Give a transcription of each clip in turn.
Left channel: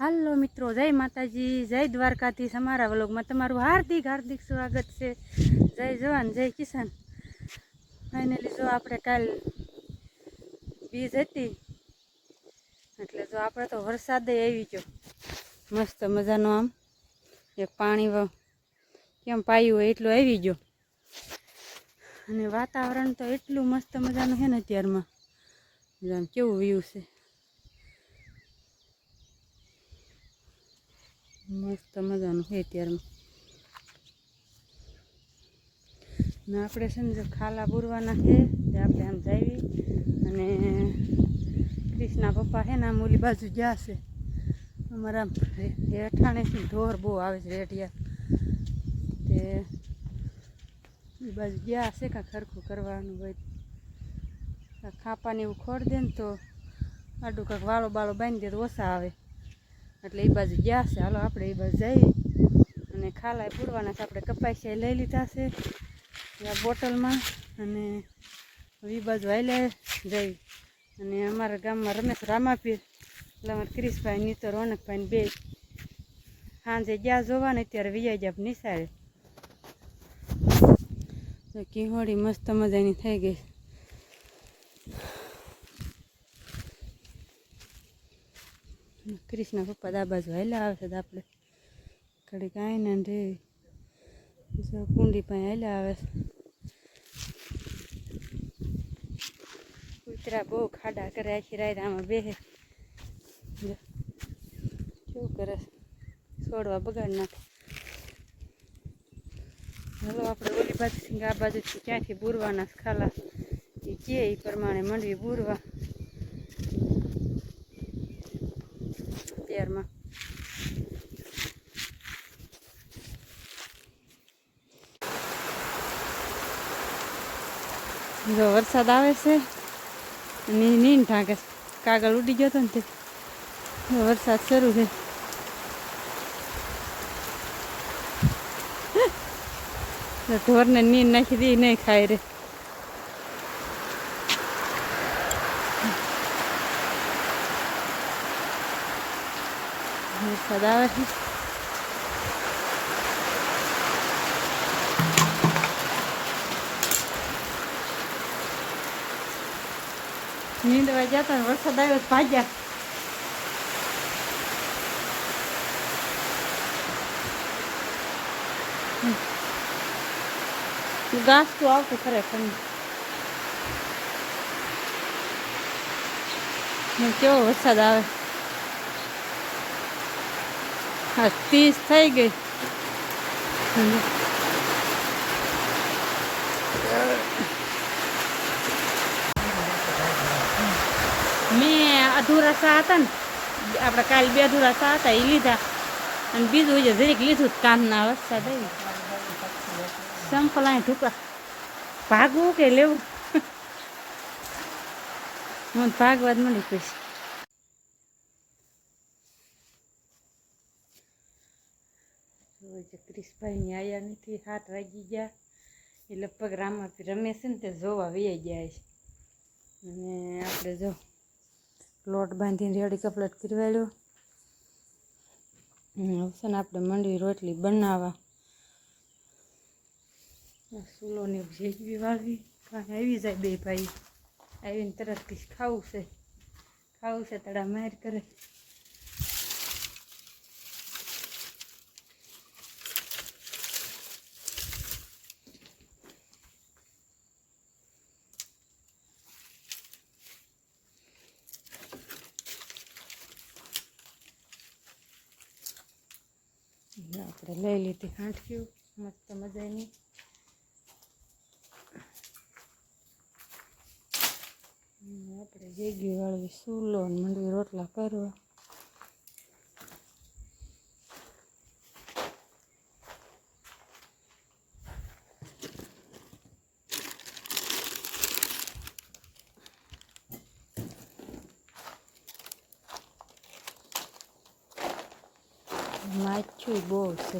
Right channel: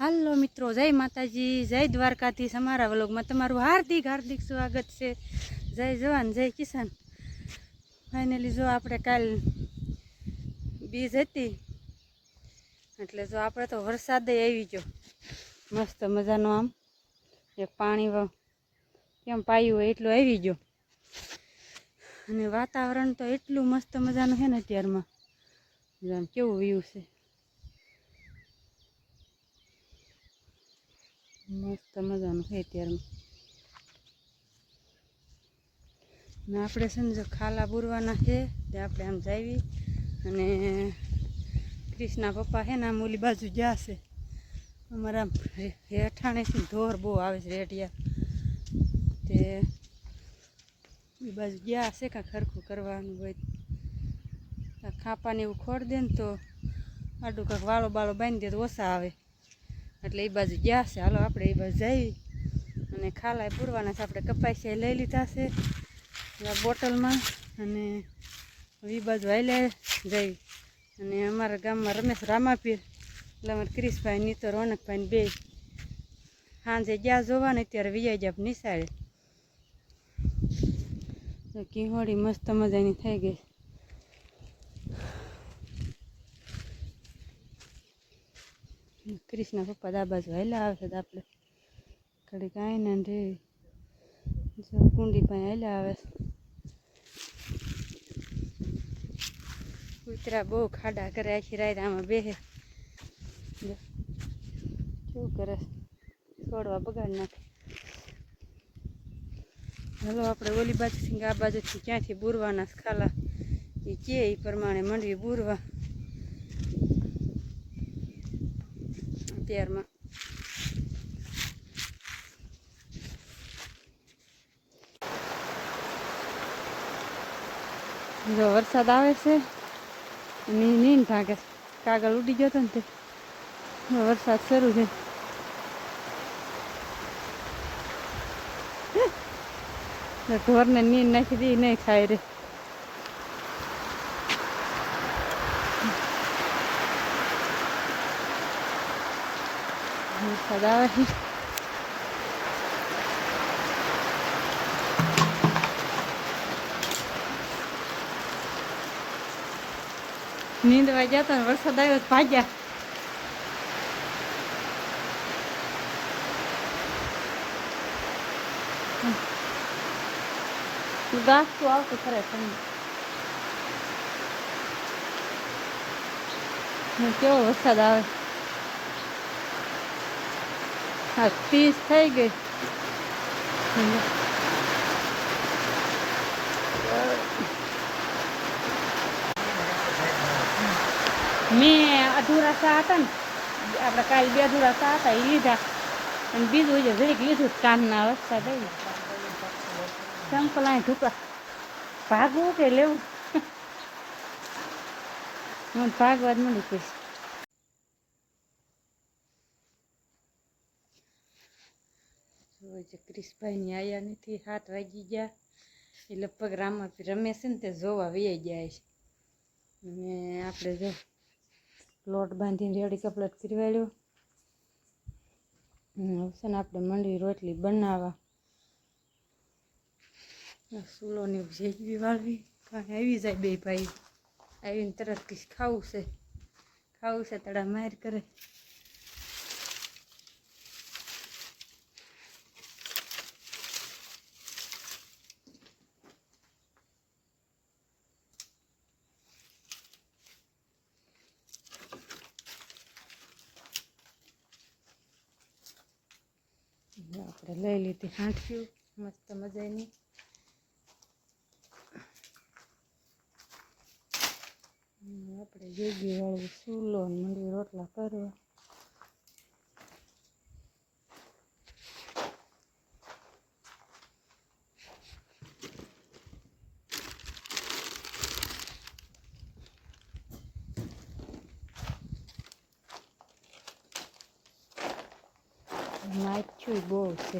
હાલો મિત્રો, જય માતાજી, જય દ્વારકાધીશ। અમારા વ્લોગમાં તમારું હાર્દિક હાર્દિક સ્વાગત છે। જય જવાન જય કિસાન। ફાઇનલી જો આપણે કાલ બીજ હતી એટલે જો આપણે તો વરસાદ આવી ગયો મસ્ત મજાનો। આમ એક પાણી કેમ પાયું હોય એટલું આવી ગયો અને વાતાવરણ તો એટલું મસ્ત મજાનું છે ને અત્યારમાં। આમ કેવું વ્યૂ છે, મસ્ત મજાનું છે અત્યારમાં। ને આપણે છે ને જો ખાલા બુરવાના છે તે આપણે આમ જાવી અને ક્રિષ્ના પપ્પા છે ને આમ ઓલી બાજુ ગયા છે। અમારા હેઠાણેથી ઢોર બહુ આવે છે રેટિયા, તે એ બાજુ ગયા છે કાંઈ ખરખું કરવાનું હોય, ખાપાને એવું ખોડ દે ને તો આડું કાંક વાળો બાળો બાંધી દે તો ઓછા આવે, એટલે એ બાજુ ગયા છે। હાલો આપણે એ બાજુ જઈ અને ખાલા પૂરવાના છે। આપણે કપાસિયા લઈ લીધા છે બોટલમાં અને એ બાજુ હાલ્યા જઈ। અને અમારા ગામમાં રમેશ રામાપીર એટલે અમારા ક્રિશભાઈ નીતર રોનકભાઈ બે સાંજે ગયા જોવા ને અત્યારે વિજય જાપ નિશાળે। કિહોડી મસ્ત મજાની થઈ ગઈ। ક્રિષ્ના પપ્પા દા બાજુ હાલ્યા આવે છે તો આપણે ઘડી કાંઈ ને રે કુંડી પાસે હાલ્યા આવે છે। કૂતરા બહુ ખાડા કરે, આખી રાત આમાં બેસે, શું કરે છોડવા બગાડ નાખે। હાલો આપણે ઓલી બાજુથી આ બાજુથી ક્યાંથી બુરવાના ખાલા એ કે એ પ્રમાણે મંડવી બુરવા અત્યારમાં। જો વરસાદ આવે છે અને નીન ભાગે છે, કાગળ ઉડી ગયો હતો ને તે વરસાદ શરૂ છે। ઢોરને નીંદ નાખી દે નહીં ખાય રે, વરસાદ આવે છે। નીંદવા જતા વરસાદ આવ્યો તો ભાગ્યા। ઘાસ તો આવતું ખરેખર, કેવો વરસાદ આવે। હા 30 થઈ ગઈ। મેં અધૂરા સા હતા ને આપણે કાલ 2 અધૂરા સા હતા એ લીધા અને બીજું જે જરીક લીધું કામના વરસાદ આવી સંપલ અહીં ઢૂકા ભાગવું કે લેવું મને ભાગવા જ મળી પડી। ક્રિશભાઈની આયા નથી, 7 વાગી ગયા, એ લગભગ રામાપી રમે છે ને તે જોવા વહી જાય છે। અને આપણે જો લોટ બાંધીને રેડી કપલેટ કરવાડ્યો, હવે છે ને આપણે મંડવી રોટલી બનાવવા, સૂલોની જેગવી વાળવી કાંઈ આવી જાય બે ભાઈ આવીને તરત કંઈક ખાવું છે તડા માર કરે। આપણે લઈ લીધી હાંઠિયું મસ્ત મજાની। આપણે જેગી વાળવી સૂલો મંડવી રોટલા કરવા। માછું બહુ છે,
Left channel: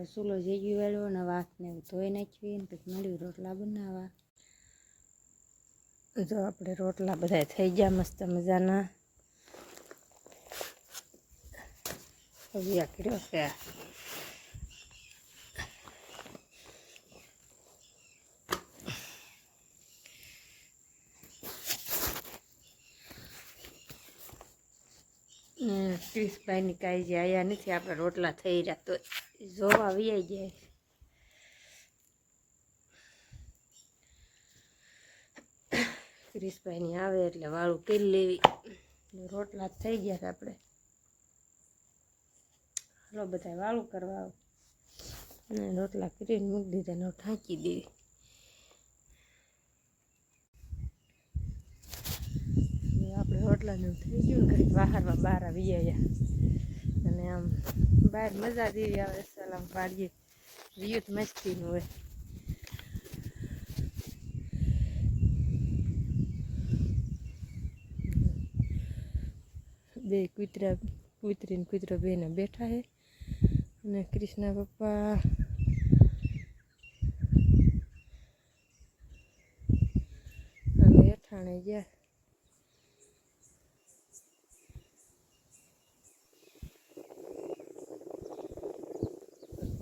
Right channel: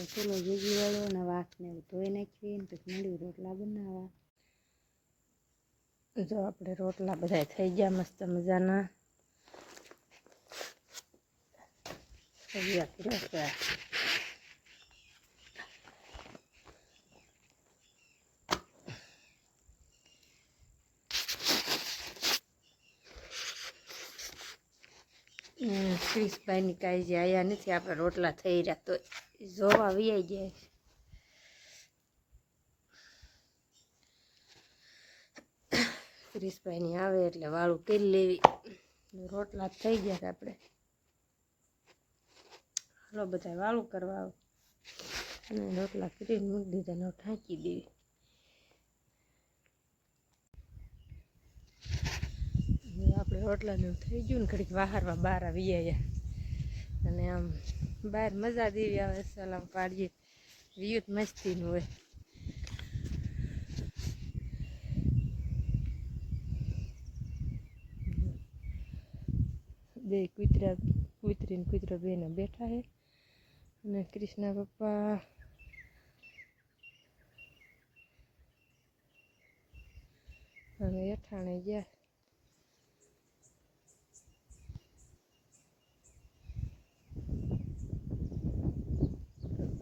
આપણે ચૂલો ભેગી વાળો ને વાસને ધોઈ નાખીએ ને પછી મળ્યું રોટલા બનાવવા. જો આપણે રોટલા બધા થઈ ગયા મસ્ત મજાના. તૈયાર કર્યો છે. ક્રિશભાઈની કાંઈ જે આવ્યા નથી, આપણે રોટલા થઈ રહ્યા તો જોવા વી જાય. ક્રિશભાઈની આવે એટલે વાળું કરી લેવી. રોટલા થઈ ગયા આપણે. હાલો બધા વાળું કરવા આવો અને રોટલા કરીને મૂકી દીધા ને ઢાંકી દેવી. આપણે રોટલાનું થઈ ગયું ને ઘડીક વાહારવા બહાર આવી ગયા અને આમ બહાર મજા દેવી આવે. સલામ પાડીએ વિયુત મસ્તીનું હોય. બે કૂતરી ને કૂતરો બેને બેઠા છે અને કૃષ્ણ પપ્પા હવે અઠાણે ગયા.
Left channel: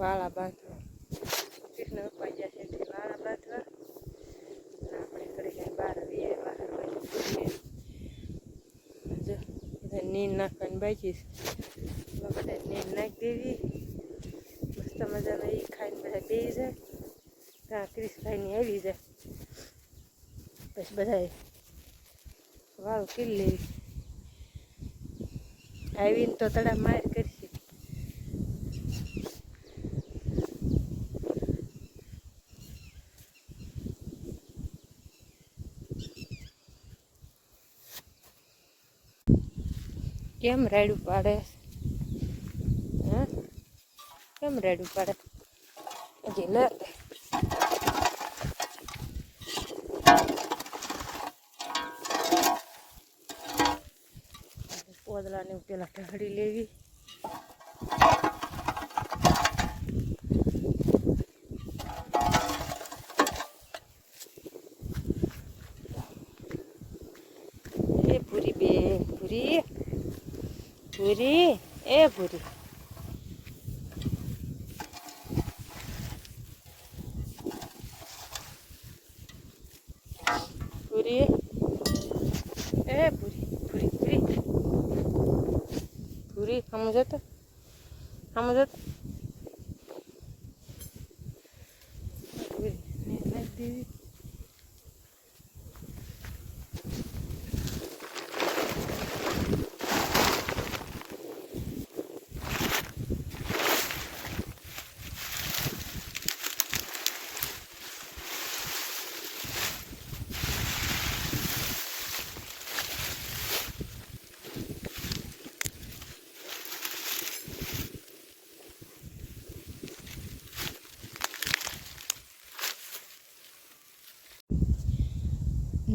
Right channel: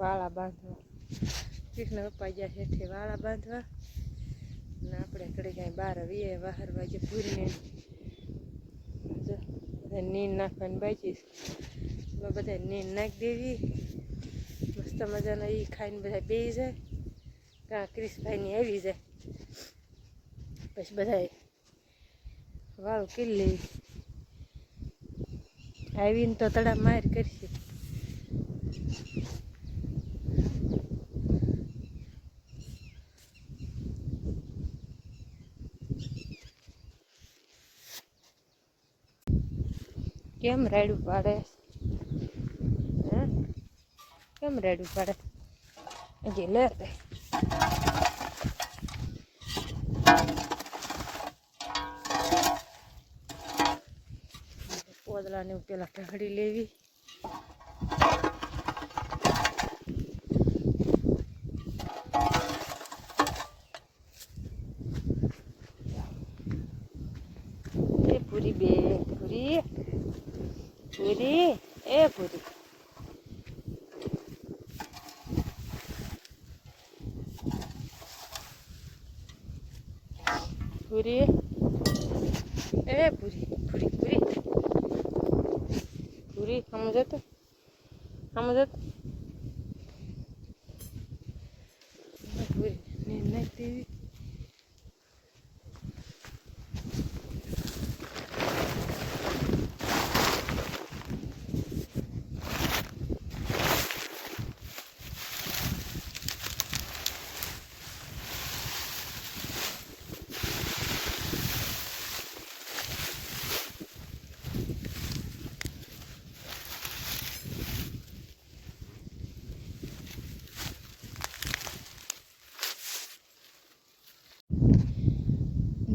વાળા બાંધવા કૃષ્ણ પપ્પા ગયા છે એટલે વાળા બાંધવા અને આપણે ઘરે કાંઈ બહાર આવીએ બહાર બાજુ પૂરી જો બધા નીંદ નાખવાની બાકી બધા નીંદ નાખી દેવી. મસ્ત મજાના એ ખાઈને બધા બેસી જાય. ત્યાં ક્રિશભાઈની આવી જાય પછી બધા વાળું કરી લેવી. આવીને તો તડા માર કરી દે. કેમ રાડું પાડે? હે કેમ રાડું પાડે? હજી લે પોદલાને પેલા ઢળી લેવી. એ પૂરી બે પૂરી પૂરી એ પૂરી પૂરી એ પૂરી પૂરી પૂરી પૂરી સમજો તો સમજો તો નાખી દેવી.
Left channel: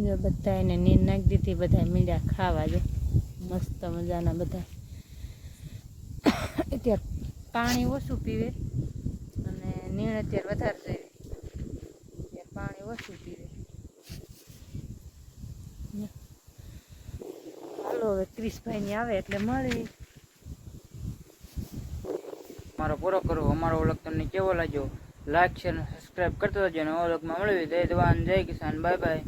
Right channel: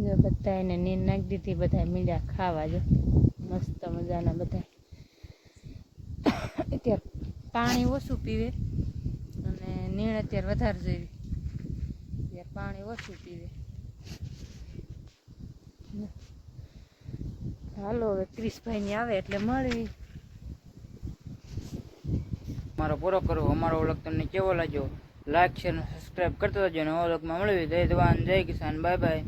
જો બધા એને નીંદ નાખી દીધી. બધા મીંડા ખાવા જો મસ્ત મજાના બધા. અત્યારે પાણી ઓછું પીવે અને નીણ અત્યારે વધારે જોઈએ. અત્યારે પાણી ઓછું પીવે. હાલો હવે ક્રિશભાઈની આવે એટલે મળી. અમારો પૂરો કરો. અમારો વ્લોગ તમને કેવો લાગ્યો લાઈક શેર અને સબસ્ક્રાઈબ કરતા જજો. નવા વ્લોગમાં મળવી. જય જવાન જય કિસાન. Bye bye.